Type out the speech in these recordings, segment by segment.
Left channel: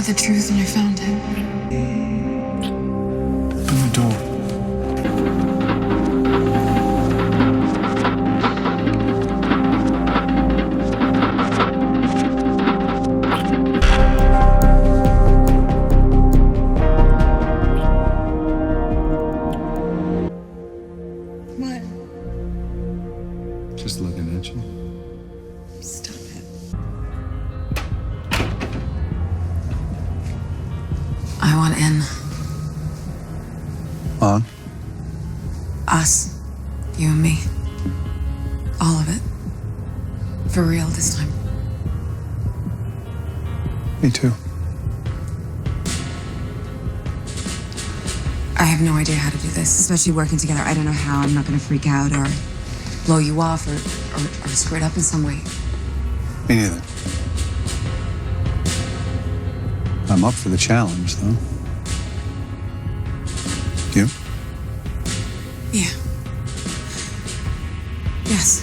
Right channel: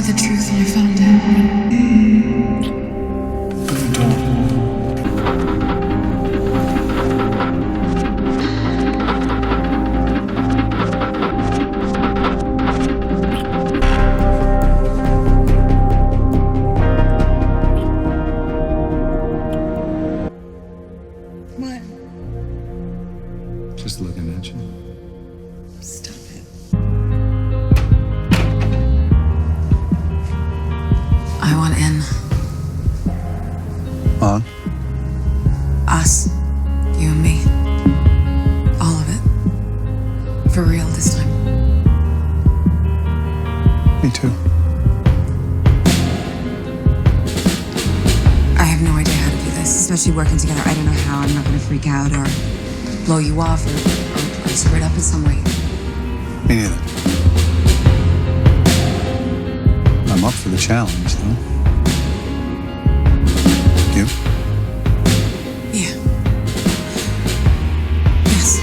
wanted the truth and you found it. Open the door. What? Just looking at you. Stop it. I want in. On? Us. You and me. All of it. For real this time. Me too. I have no idea how to do this, especially working together. I don't know how. I'm not going to freak out or blow you off or screw it up in some way. Me neither. I'm up for the challenge, though. You? Yeah. Yes.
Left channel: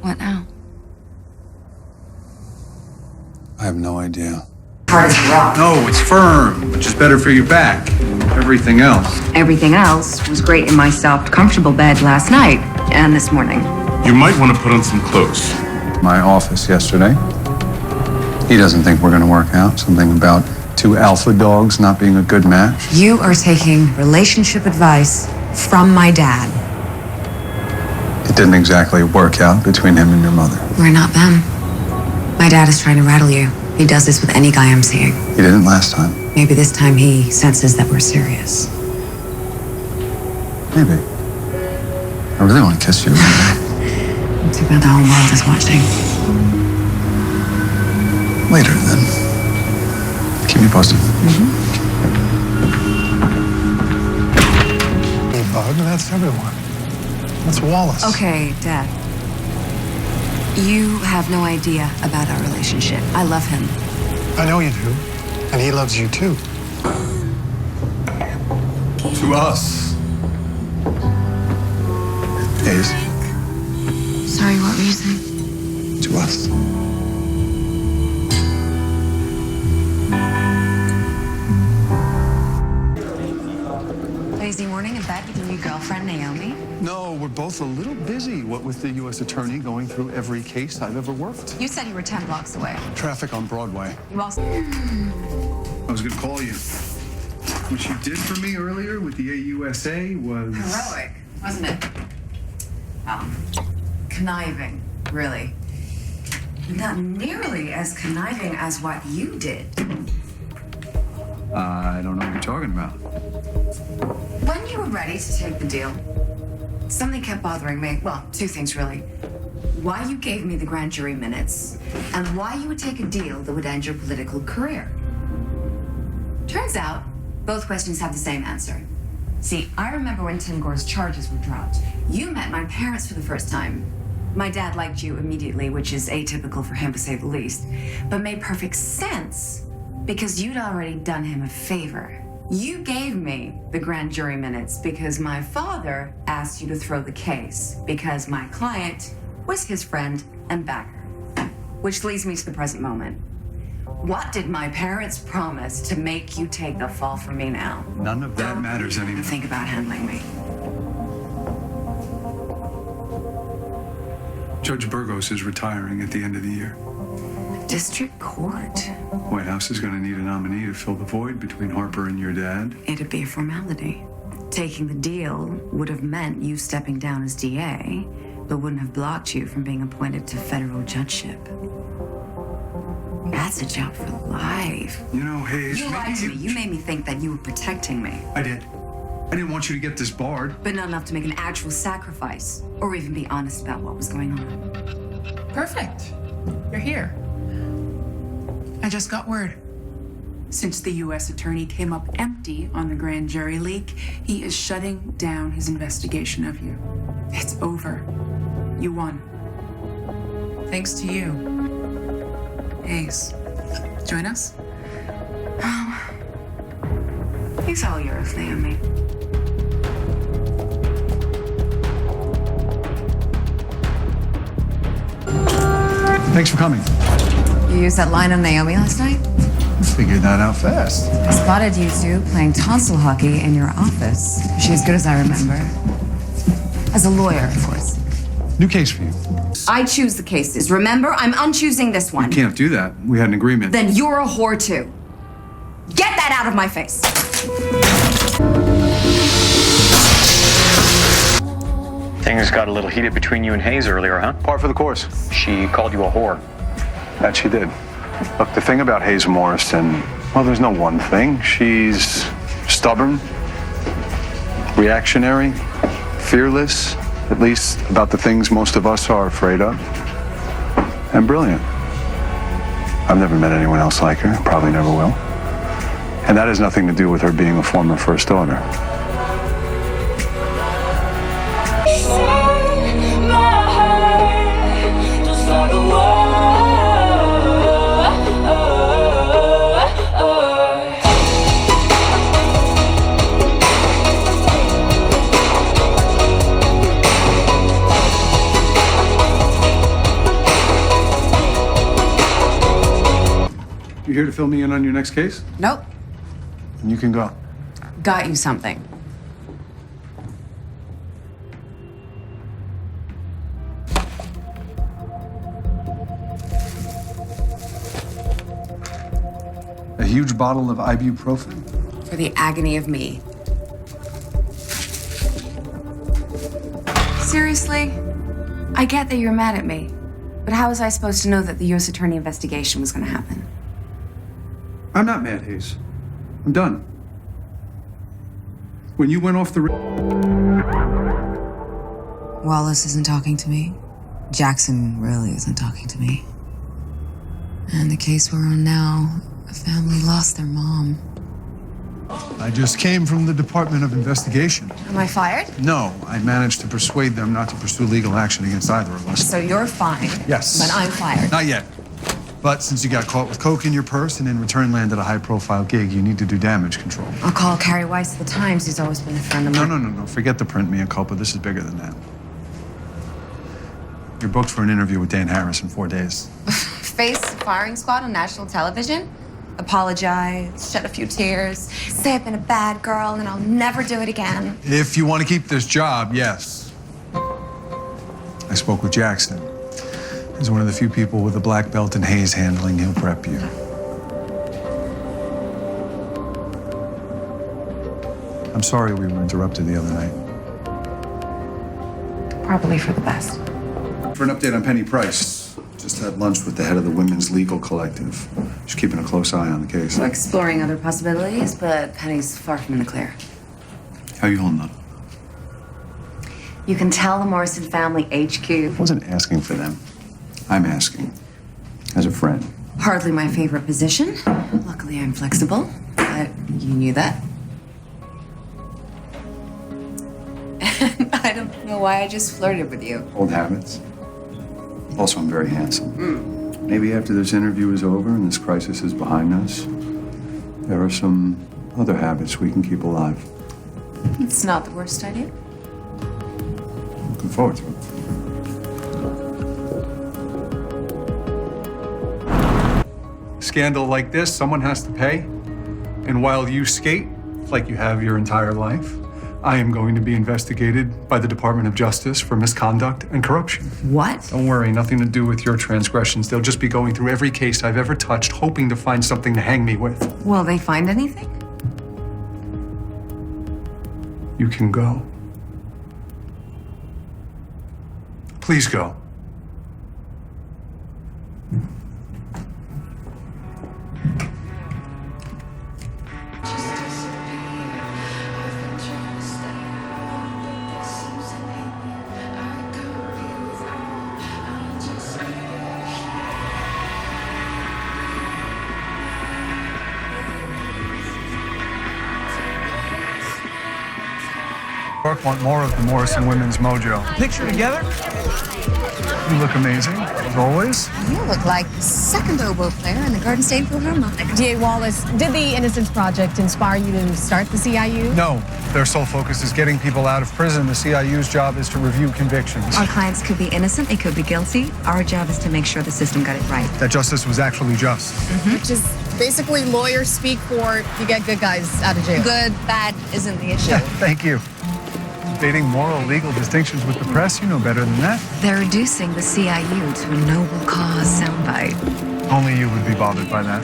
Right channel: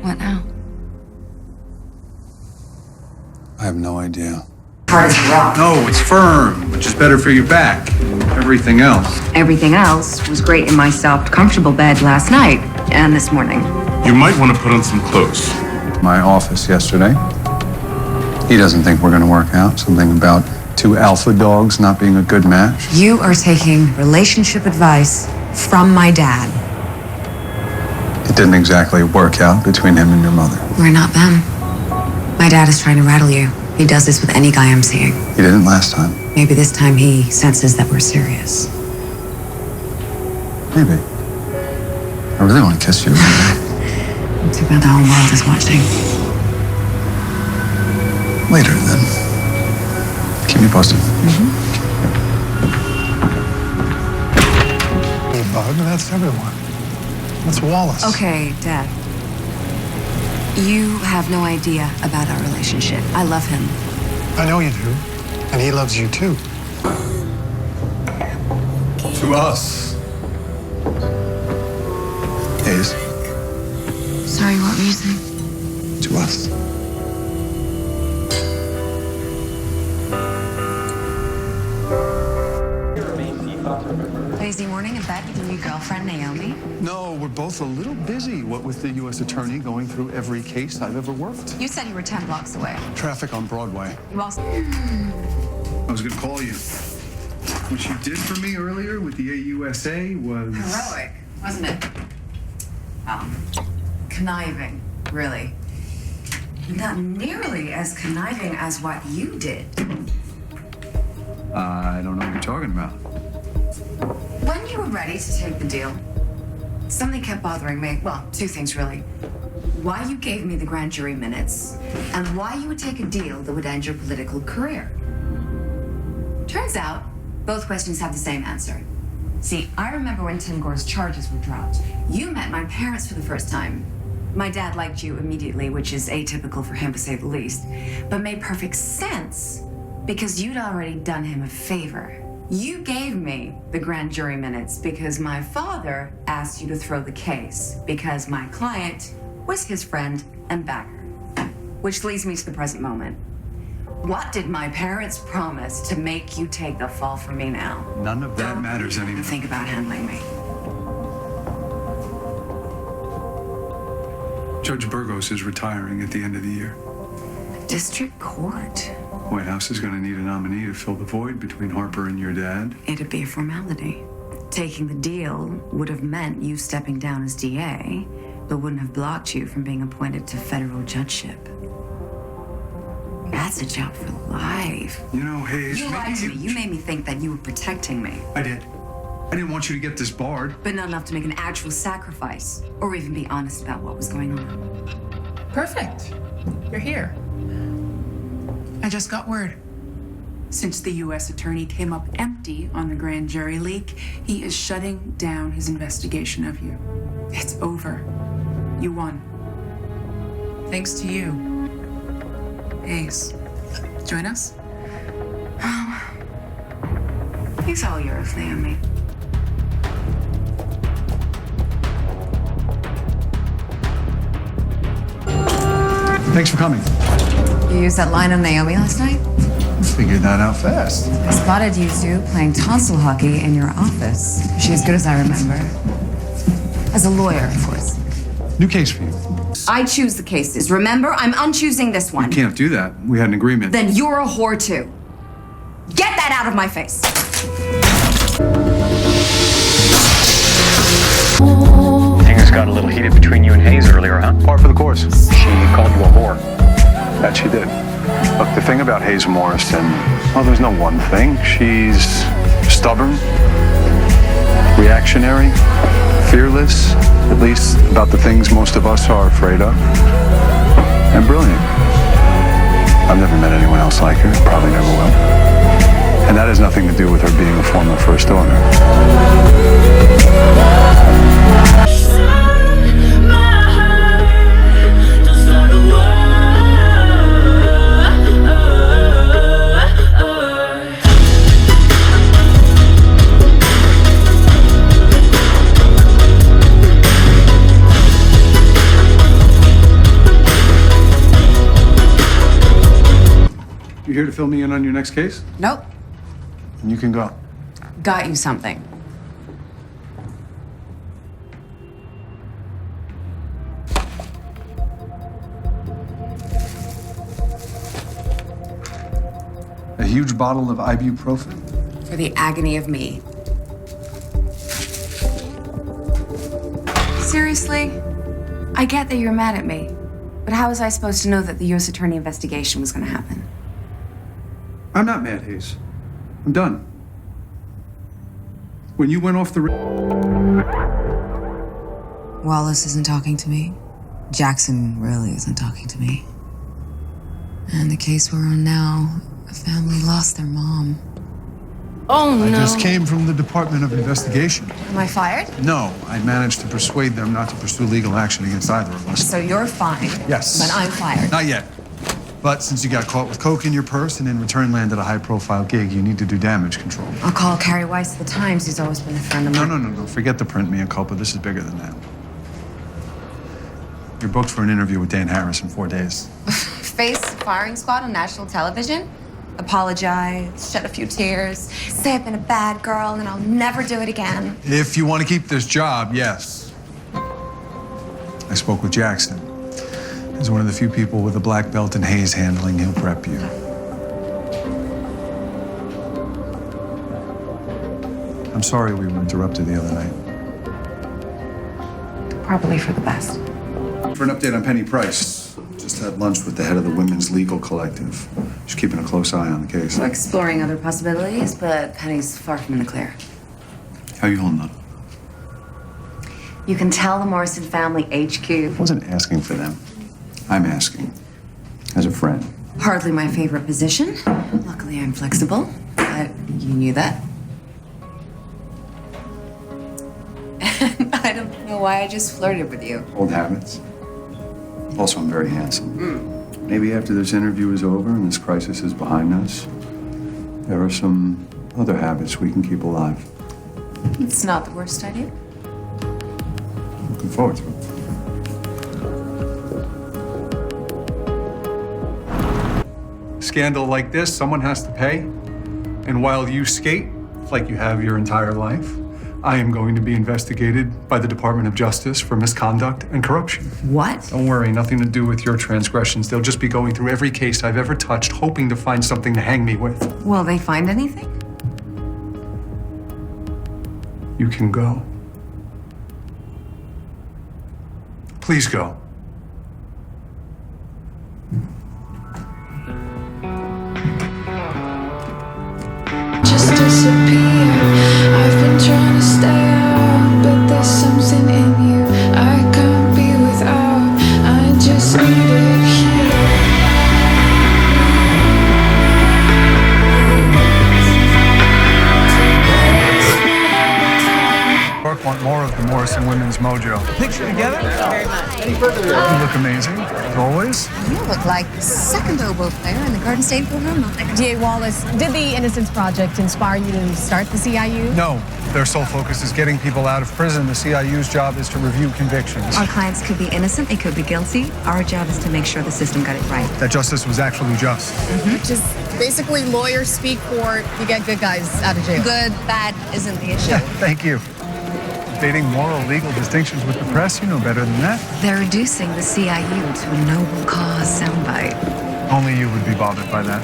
What now? I have no idea. Hard as a rock. No, it's firm, which is better for your back and everything else. Everything else was great in my soft, comfortable bed last night and this morning. You might want to put on some clothes. My office yesterday. He doesn't think we're going to work out. Something about two alpha dogs not being a good match. You are taking relationship advice from my dad. It didn't exactly work out between him and your mother. We're not them. My dad is trying to rattle you. He does this with any guy I'm seeing. He didn't last time. Maybe this time he senses that we're serious. Maybe. I really want to kiss you. Too bad the whole world is watching. Later, then. Keep me posted. Hey, Bug, that's everyone. That's Wallace. Okay, Dad. You have no idea about our relationship. I love him. I know you do. And he loves you, too. To us. Hayes. Sorry, what were you saying? To us. Lazy morning in bed with your new girlfriend, Naomi. No, we're both a little busy, what with the U.S. Attorney going through every case I've ever worked. You said you were 10 blocks away. Traffic on Broadway. You also... I was going to call you. What you did for me earlier with the AUSA was... Heroic, wasn't it? Conniving, really. Not nearly as conniving as what you did. I don't know what you're talking about. When you were ready to take the deal, something kept bothering me. Well, two things, really. Why you gave me the grand jury minutes, and why you would take a deal that would end your political career. Turns out, both questions have the same answer. See, I remember when Tim Gore's charges were dropped. You met my parents for the first time. My dad liked you immediately, which is atypical for him to say the least, but made perfect sense because you'd already done him a favor. You gave me the grand jury minutes because my father asked you to throw the case because my client was his friend and backer. Which leads me to the present moment. What did my parents promise to make you take the fall for me now? None of that matters anymore. Think about handling me. Judge Burgos is retiring at the end of the year. District Court. White House is going to need a nominee to fill the void between Harper and your dad. It'd be a formality. Taking the deal would have meant you stepping down as DA, but wouldn't have blocked you from being appointed to federal judgeship. That's a job for life. You know, Hayes... You lied to me. You made me think that you were protecting me. I did. I didn't want you to get this barred. But not enough to make an actual sacrifice, or even be honest about what was going on. Perfect. You're here. I just got word. Since the U.S. Attorney came up empty on the grand jury leak, he is shutting down his investigation of you. It's over. You won. Thanks to you. Ace. Join us? He's all yours, Naomi. Thanks for coming. You used that line on Naomi last night? Figured that out fast. I spotted you two playing tonsil hockey in your office. She as good as I remember. As a lawyer, of course. New case for you. I choose the cases. Remember, I'm unchoosing this one. Can't do that. We had an agreement. Then you're a whore too. Get that out of my face. Things got a little heated between you and Hayes earlier, huh? Par for the course. She called you a whore. That she did. Look, the thing about Hayes Morrison, well, there's no one thing. She's stubborn, reactionary, fearless, at least about the things most of us are afraid of, and brilliant. I've never met anyone else like her, probably never will. And that has nothing to do with her being a former first daughter. You here to fill me in on your next case? Nope. And you can go. Got you something. A huge bottle of ibuprofen. For the agony of me. Seriously? I get that you're mad at me, but how was I supposed to know that the U.S. Attorney investigation was going to happen? I'm not mad, Hayes. I'm done. When you went off the... Wallace isn't talking to me. Jackson really isn't talking to me. And the case we're on now, a family lost their mom. I just came from the Department of Investigation. Am I fired? No, I managed to persuade them not to pursue legal action against either of us. So you're fine. Yes. But I'm fired. Not yet. But since you got caught with coke in your purse and in return landed a high-profile gig, you need to do damage control. I'll call Carrie Weiss of the Times. He's always been a friend of mine. No. Forget the print mea culpa. This is bigger than that. You're booked for an interview with Dan Harris in 4 days. Face firing squad on national television? Apologize, shed a few tears, say I've been a bad girl and I'll never do it again. If you want to keep this job, yes. I spoke with Jackson. He's one of the few people with a black belt in Hayes handling. He'll prep you. I'm sorry we were interrupted the other night. Probably for the best. For an update on Penny Price, just had lunch with the head of the Women's Legal Collective. She's keeping a close eye on the case. We're exploring other possibilities, but Penny's far from in the clear. How you holding up? You can tell the Morrison family HQ. I wasn't asking for them. I'm asking as a friend. Hardly my favorite position. Luckily, I'm flexible, but you knew that. And I don't know why I just flirted with you. Old habits. Also, I'm very handsome. Maybe after this interview is over and this crisis is behind us, there are some other habits we can keep alive. It's not the worst idea. Looking forward to it. Scandal like this, someone has to pay. And while you skate like you have your entire life, I am going to be investigated by the Department of Justice for misconduct and corruption. What? Don't worry, nothing to do with your transgressions. They'll just be going through every case I've ever touched, hoping to find something to hang me with. Will they find anything? You can go. Please go. Just disappear. I've been trying to stay out, but there's something in you I can't be without. I just need it here. Park want more of the Morrison women's mojo. Picture together? You look amazing, as always. You look like the second oboe player in the Garden State Philharmonic. D.A. Wallace, did the Innocence Project inspire you to start the CIU? No, their sole focus is getting people out of prison. The CIU's job is to review convictions. Our clients could be innocent, they could be guilty. Our job is to make sure the system got it right. That justice was actually just. Which is basically lawyers speak for you get good guys out of jail. Good, bad isn't the issue. Thank you. Debating moral legal distinctions with the press, you know better than that. They're reducing the CIU to a noble cause soundbite. Only you would be bothered by that.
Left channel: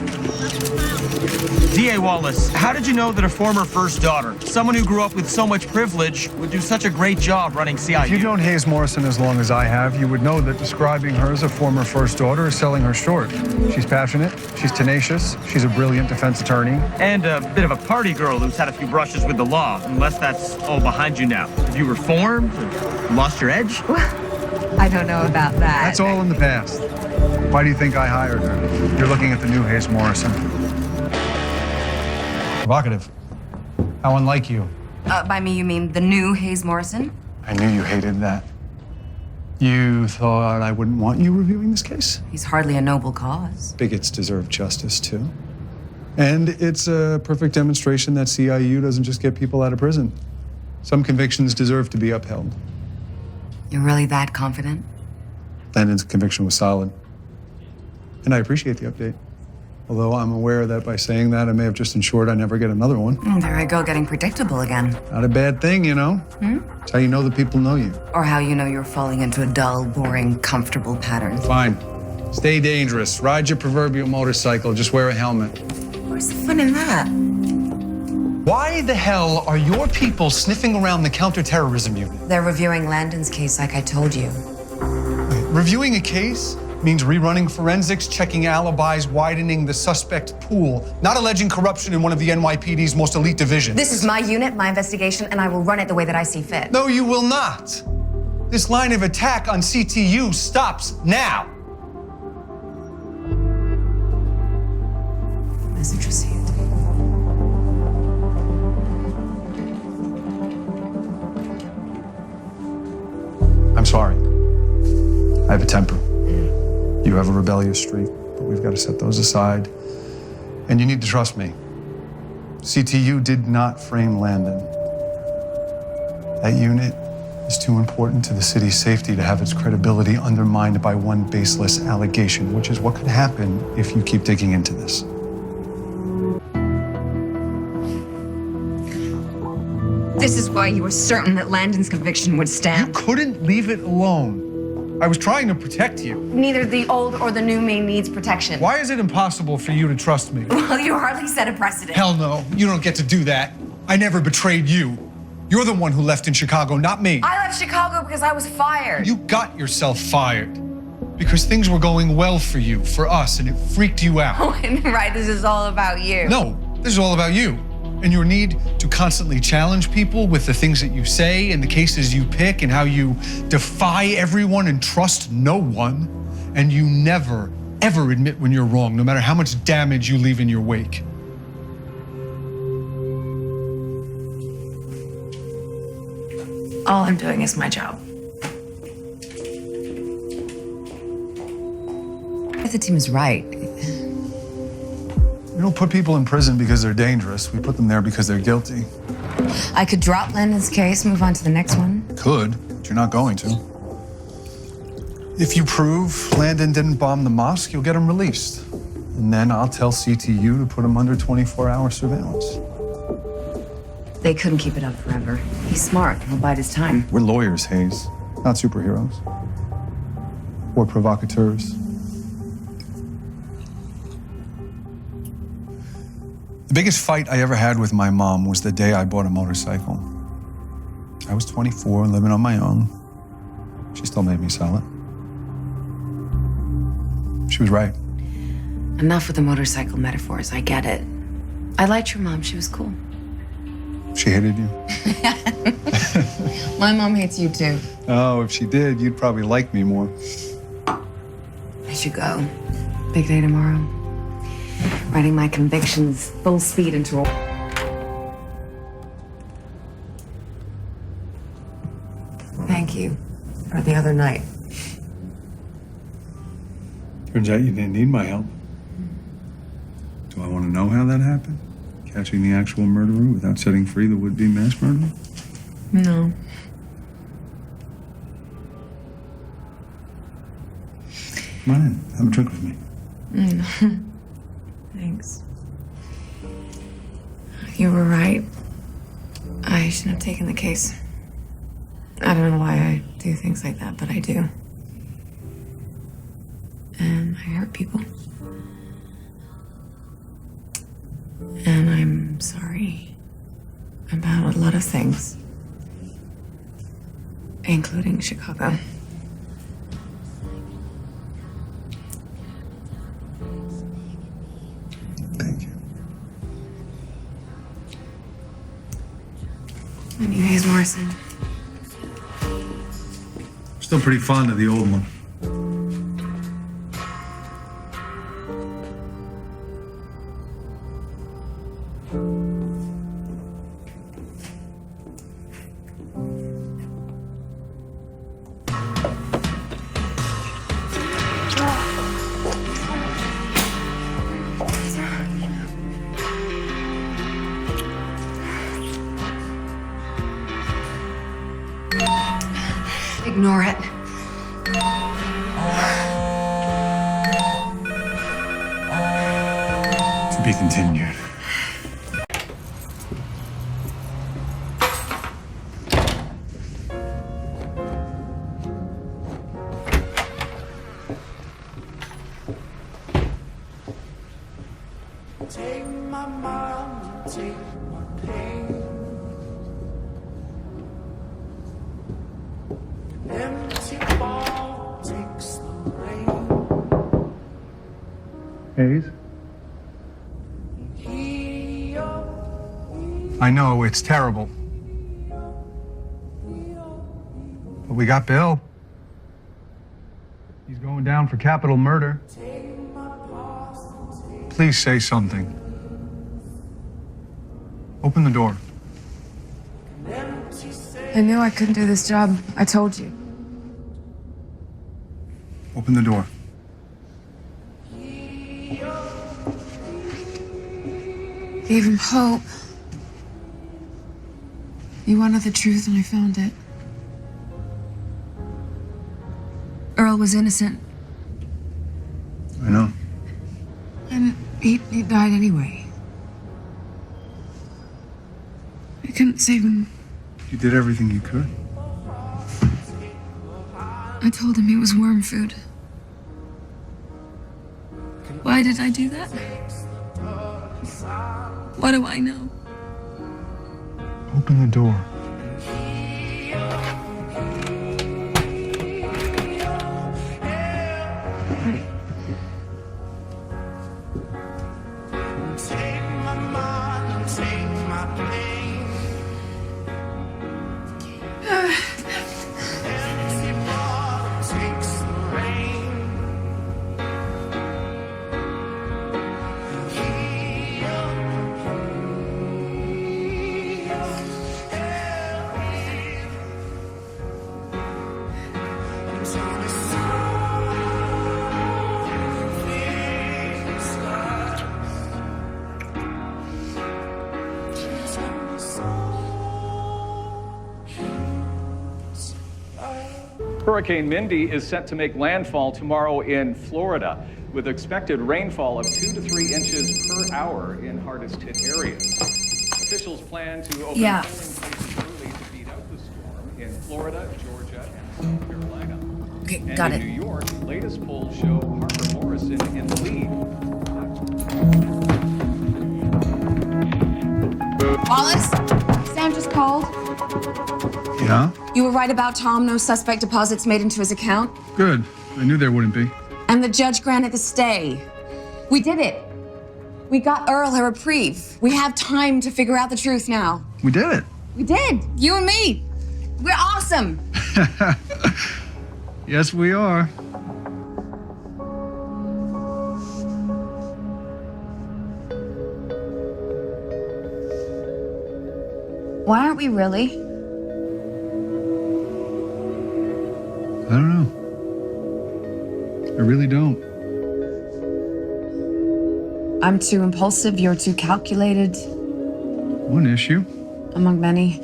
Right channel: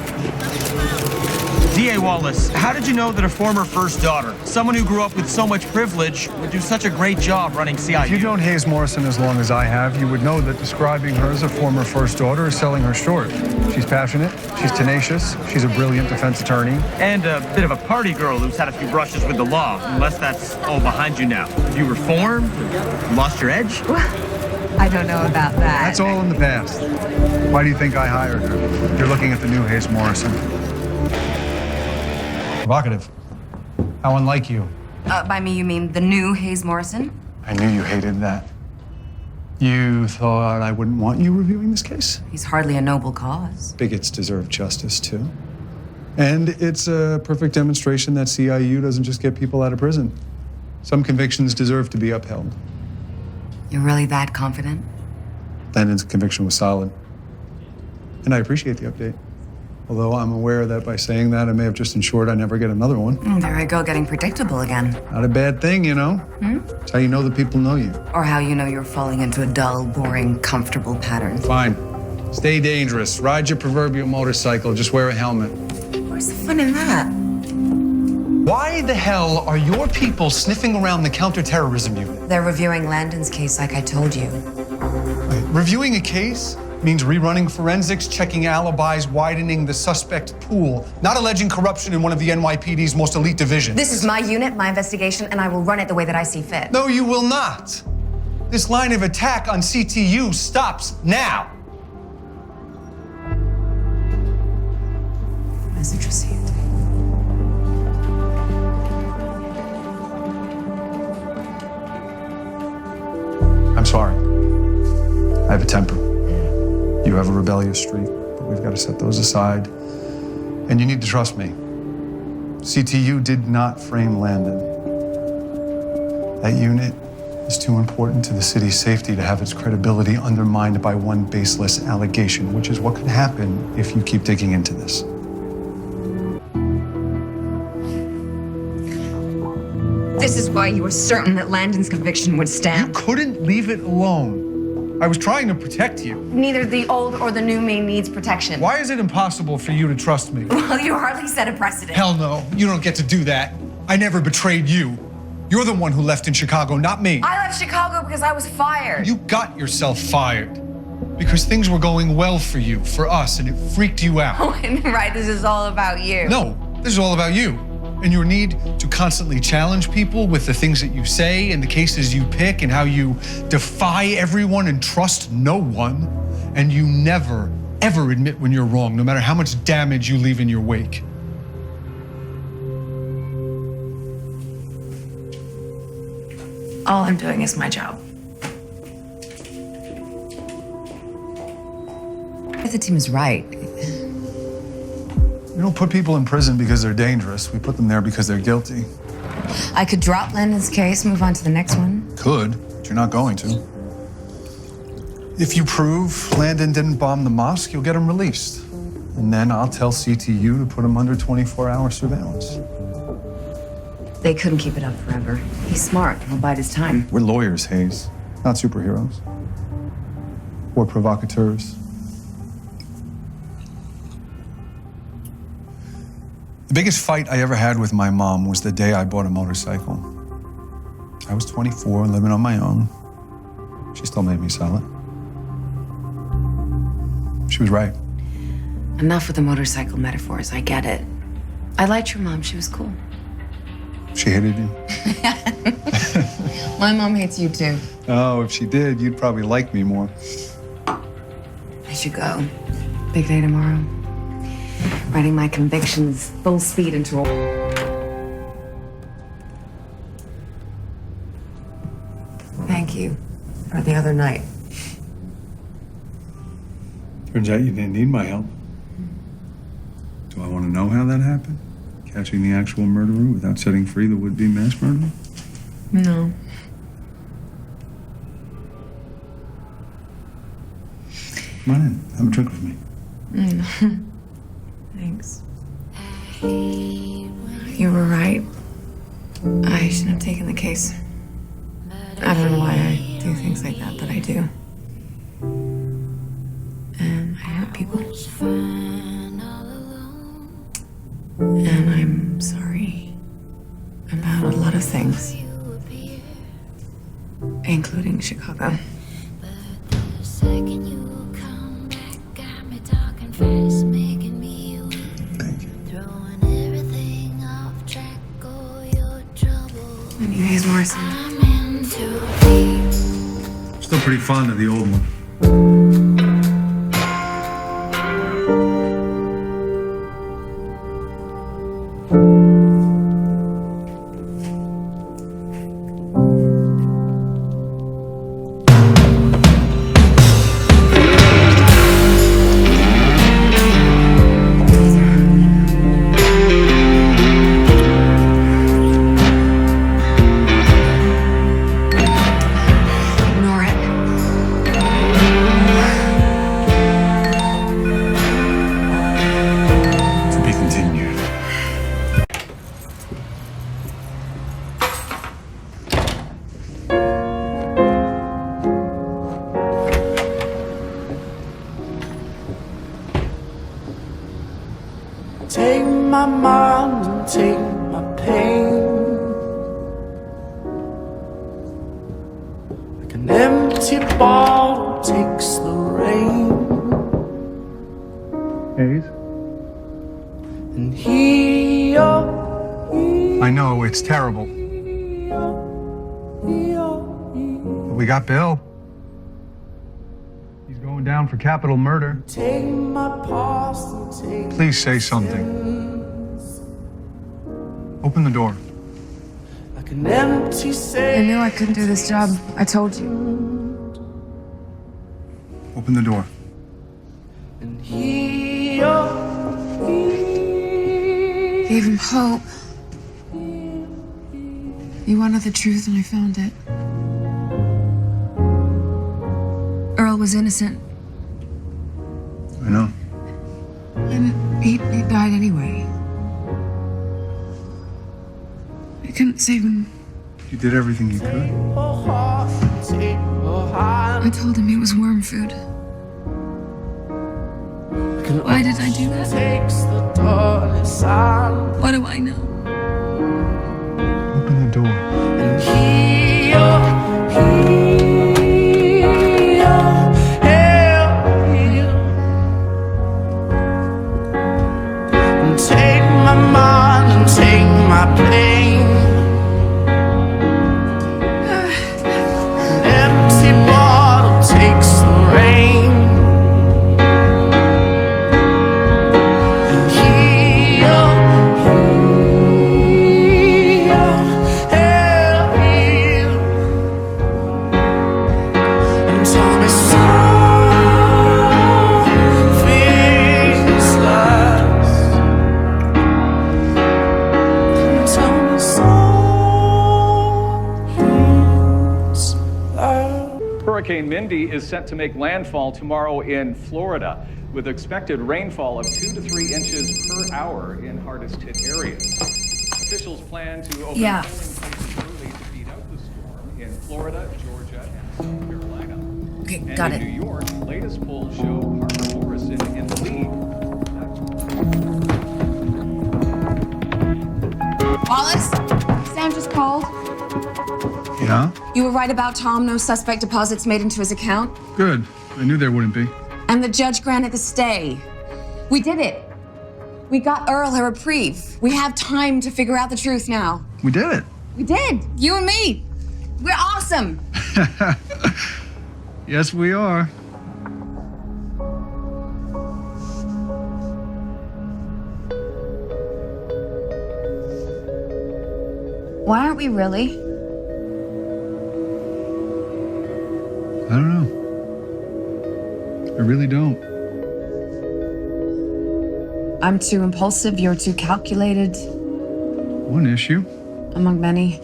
D.A. Wallace, how did you know that a former first daughter, someone who grew up with so much privilege, would do such a great job running CIU? If you've known Hayes Morrison as long as I have, you would know that describing her as a former first daughter is selling her short. She's passionate, she's tenacious, she's a brilliant defense attorney. And a bit of a party girl who's had a few brushes with the law, unless that's all behind you now. Have you reformed? Lost your edge? I don't know about that. That's all in the past. Why do you think I hired her? You're looking at the new Hayes Morrison. Provocative. How unlike you. By me, you mean the new Hayes Morrison? I knew you hated that. You thought I wouldn't want you reviewing this case? He's hardly a noble cause. Bigots deserve justice, too. And it's a perfect demonstration that CIU doesn't just get people out of prison. Some convictions deserve to be upheld. You're really that confident? Landon's conviction was solid. And I appreciate the update. Although I'm aware that by saying that, I may have just ensured I never get another one. There I go, getting predictable again. Not a bad thing, you know? It's how you know that people know you. Or how you know you're falling into a dull, boring, comfortable pattern. Fine. Stay dangerous. Ride your proverbial motorcycle. Just wear a helmet. Where's the fun in that? Why the hell are your people sniffing around the counterterrorism unit? They're reviewing Landon's case like I told you. Wait, reviewing a case means rerunning forensics, checking alibis, widening the suspect pool, not alleging corruption in one of the NYPD's most elite divisions. This is my unit, my investigation, and I will run it the way that I see fit. No, you will not. This line of attack on CTU stops now. Message received. I'm sorry. I have a temper. You have a rebellious streak, but we've got to set those aside. And you need to trust me. CTU did not frame Landon. That unit is too important to the city's safety to have its credibility undermined by one baseless allegation, which is what could happen if you keep digging into this. This is why you were certain that Landon's conviction would stand. You couldn't leave it alone. I was trying to protect you. Neither the old or the new me needs protection. Why is it impossible for you to trust me? Well, you hardly set a precedent. Hell no, you don't get to do that. I never betrayed you. You're the one who left in Chicago, not me. I left Chicago because I was fired. You got yourself fired because things were going well for you, for us, and it freaked you out. Oh, and right, this is all about you. No, this is all about you and your need to constantly challenge people with the things that you say and the cases you pick and how you defy everyone and trust no one. And you never, ever admit when you're wrong, no matter how much damage you leave in your wake. All I'm doing is my job. If the team is right. We don't put people in prison because they're dangerous. We put them there because they're guilty. I could drop Landon's case, move on to the next one. Could, but you're not going to. If you prove Landon didn't bomb the mosque, you'll get him released. And then I'll tell CTU to put him under 24-hour surveillance. They couldn't keep it up forever. He's smart. He'll bide his time. We're lawyers, Hayes, not superheroes. Or provocateurs. The biggest fight I ever had with my mom was the day I bought a motorcycle. I was 24, living on my own. She still made me sell it. She was right. Enough with the motorcycle metaphors. I get it. I liked your mom. She was cool. She hated you. My mom hates you too. Oh, if she did, you'd probably like me more. I should go. Big day tomorrow. Writing my convictions full speed into a... the other night. Turns out you didn't need my help. Do I want to know how that happened? Catching the actual murderer without setting free the would-be mass murderer? No. Come on in. Have a drink with me. Thanks. You were right. I shouldn't have taken the case. I don't know why I do things like that, but I do. And I hurt people. And I'm sorry about a lot of things, including Chicago. Thank you. And you, Hayes Morrison. Still pretty fond of the old one. Ignore it. To be continued. Take my mind and take my pain. Like an empty bottle takes the rain. Hayes? And here, I know, it's terrible. But we got Bill. He's going down for capital murder. take my past and take Please say something. Open the door. like an empty I sail. knew I couldn't do this job. I told you. Open the door. Here, Gave him hope. He wanted the truth and I found it. Earl was innocent. I know. And he died anyway. I couldn't save him. You did everything you could. I told him he was worm food. Why did I do that? What do I know? Open the door. Take my mind and take my pain. An empty bottle takes the rain. And here, and tell me something's less. Tell me something's less. Hurricane Mindy is set to make landfall tomorrow in Florida, with expected rainfall of 2 to 3 inches per hour in hardest hit areas. Officials plan to open Yeah. polling places early to beat out the storm in Florida, Georgia, and South Carolina. Okay, And got in it. New York, latest polls show Harper Morrison in the lead. Wallace, Sam just called. Yeah? You were right about Tom. No suspect deposits made into his account. Good. I knew there wouldn't be. And the judge granted the stay. We did it. We got Earl a reprieve. We have time to figure out the truth now. We did it. We did. You and me. We're awesome. Yes, we are. Why aren't we really? I don't know. I really don't. I'm too impulsive, you're too calculated. One issue. Among many.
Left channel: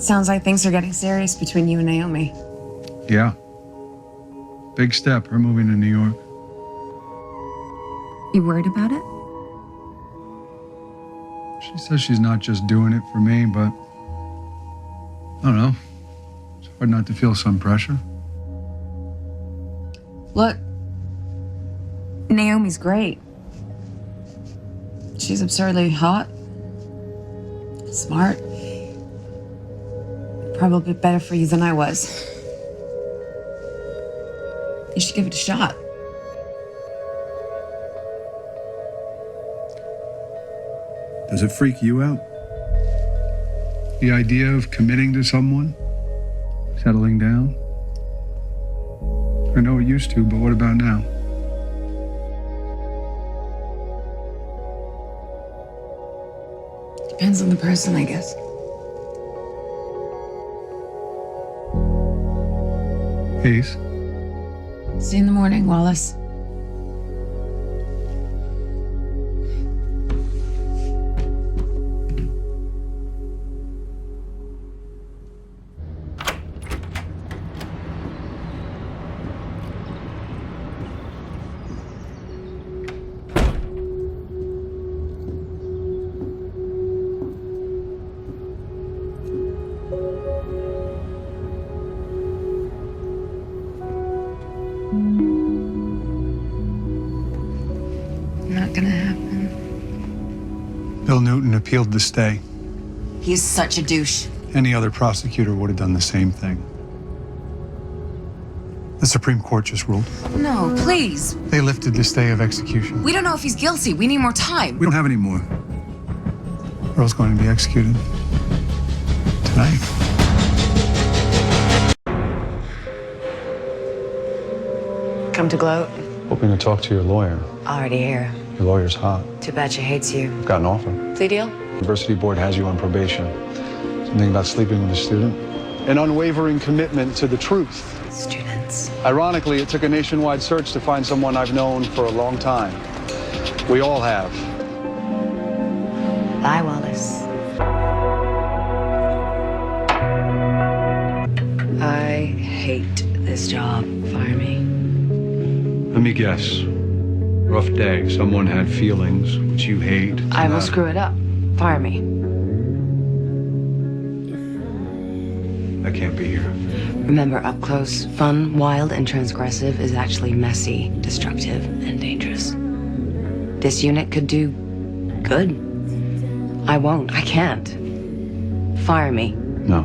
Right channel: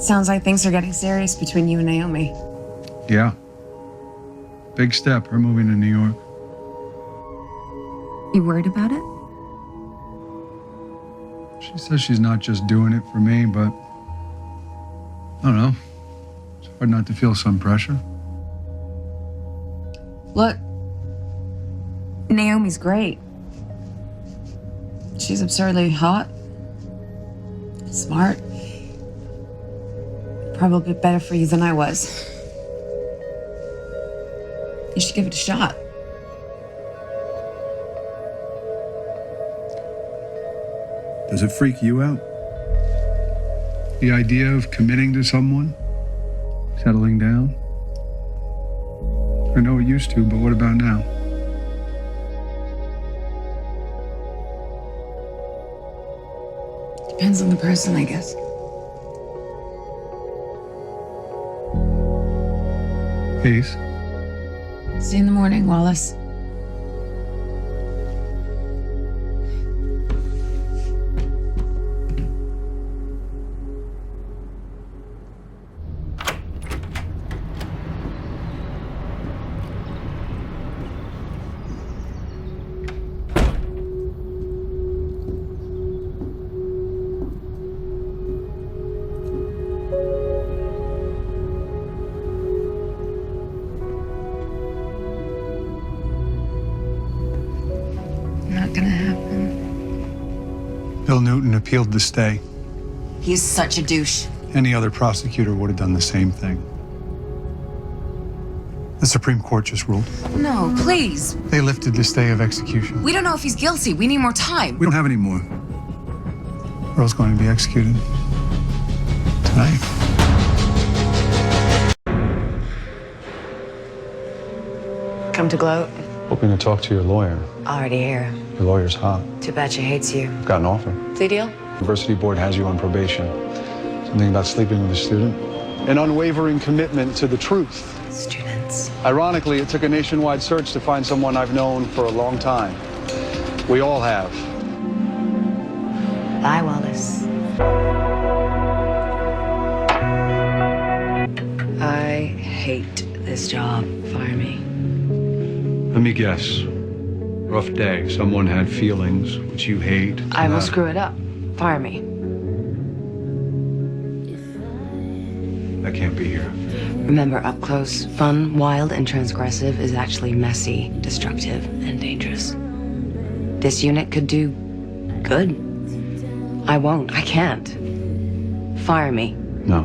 Sounds like things are getting serious between you and Naomi. Yeah. Big step, her moving to New York. You worried about it? She says she's not just doing it for me, but I don't know. It's hard not to feel some pressure. Look, Naomi's great. She's absurdly hot, smart, probably better for you than I was. You should give it a shot. Does it freak you out? The idea of committing to someone? Settling down? I know it used to, but what about now? Depends on the person, I guess. Peace. See you in the morning, Wallace. Not gonna happen. Bill Newton appealed the stay. He's such a douche. Any other prosecutor would have done the same thing. The Supreme Court just ruled. No, please. They lifted the stay of execution. We don't know if he's guilty. We need more time. We don't have any more. Earl's going to be executed tonight. Come to gloat. Hoping to talk to your lawyer. Already here. Your lawyer's hot. Too bad she hates you. I've got an offer. Plea deal? University board has you on probation. Something about sleeping with a student. An unwavering commitment to the truth. Students. Ironically, it took a nationwide search to find someone I've known for a long time. We all have. Bye, Wallace. I hate this job. Fire me. Let me guess. Rough day. Someone had feelings, which you hate. I will screw it up. Fire me. I can't be here. Remember, up close, fun, wild, and transgressive is actually messy, destructive, and dangerous. This unit could do good. I won't. I can't. Fire me. No.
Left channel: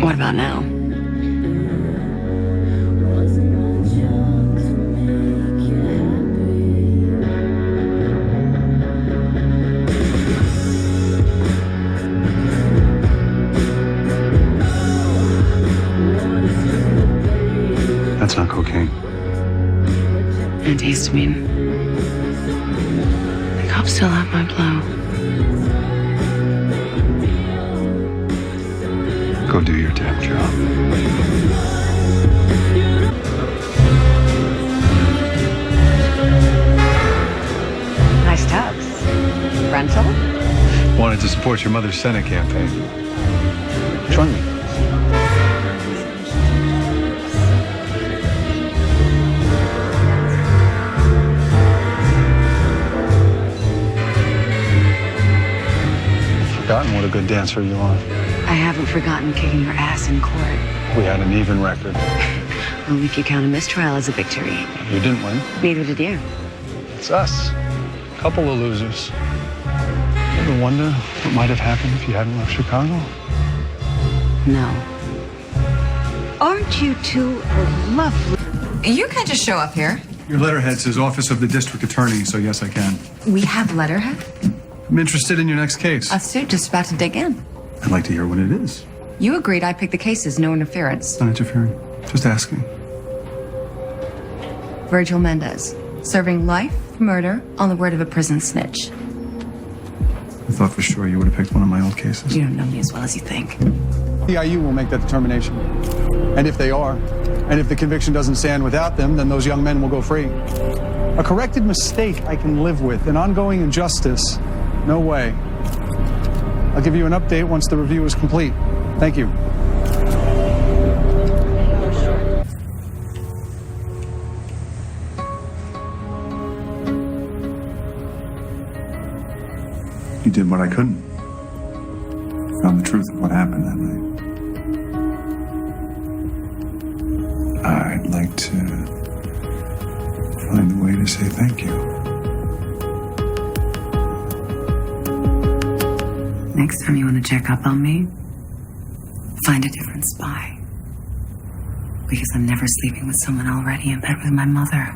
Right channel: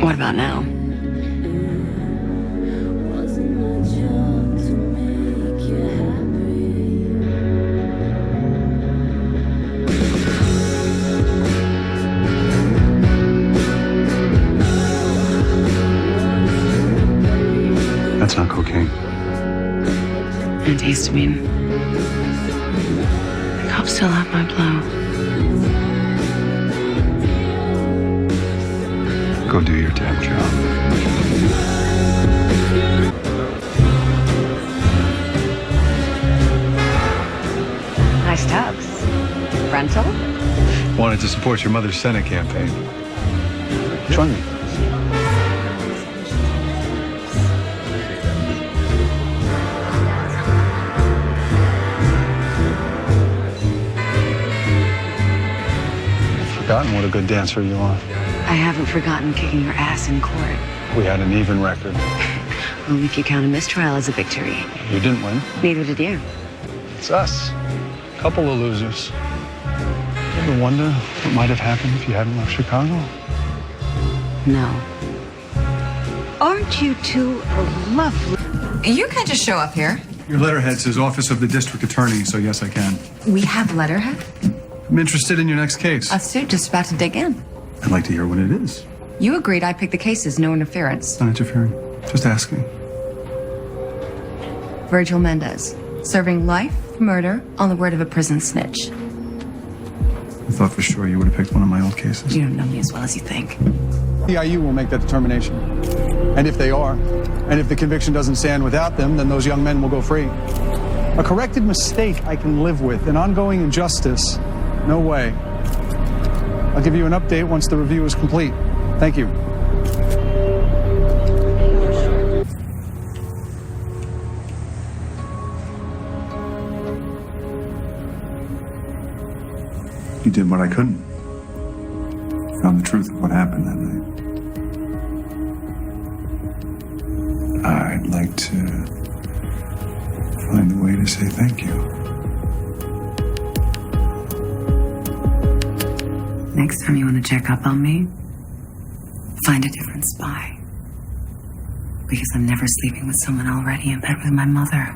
What about now? That's not cocaine. Antihistamine. The cops still have my blow. Go do your damn job. Nice tux. Rental? Wanted to support your mother's Senate campaign. Join me. Forgotten what a good dancer you are. I haven't forgotten kicking your ass in court. We had an even record. Only if you count a mistrial as a victory. You didn't win. Neither did you. It's us. Couple of losers. You ever wonder what might have happened if you hadn't left Chicago? No. Aren't you two lovely? You can't just show up here. Your letterhead says Office of the District Attorney, so yes, I can. We have letterhead? I'm interested in your next case. A suit just about to dig in. I'd like to hear what it is. You agreed I pick the cases, no interference. Not interfering. Just asking. Virgil Mendez, Serving life for murder on the word of a prison snitch. I thought for sure you would have picked one of my old cases. You don't know me as well as you think. The IU will make that determination. And if they are, and if the conviction doesn't stand without them, then those young men will go free. A corrected mistake I can live with. An ongoing injustice, no way. I'll give you an update once the review is complete. Thank you. You did what I couldn't. Found the truth of what happened that night. I'd like to find a way to say thank you. Next time you want to check up on me, find a different spy. Because I'm never sleeping with someone already in bed with my mother.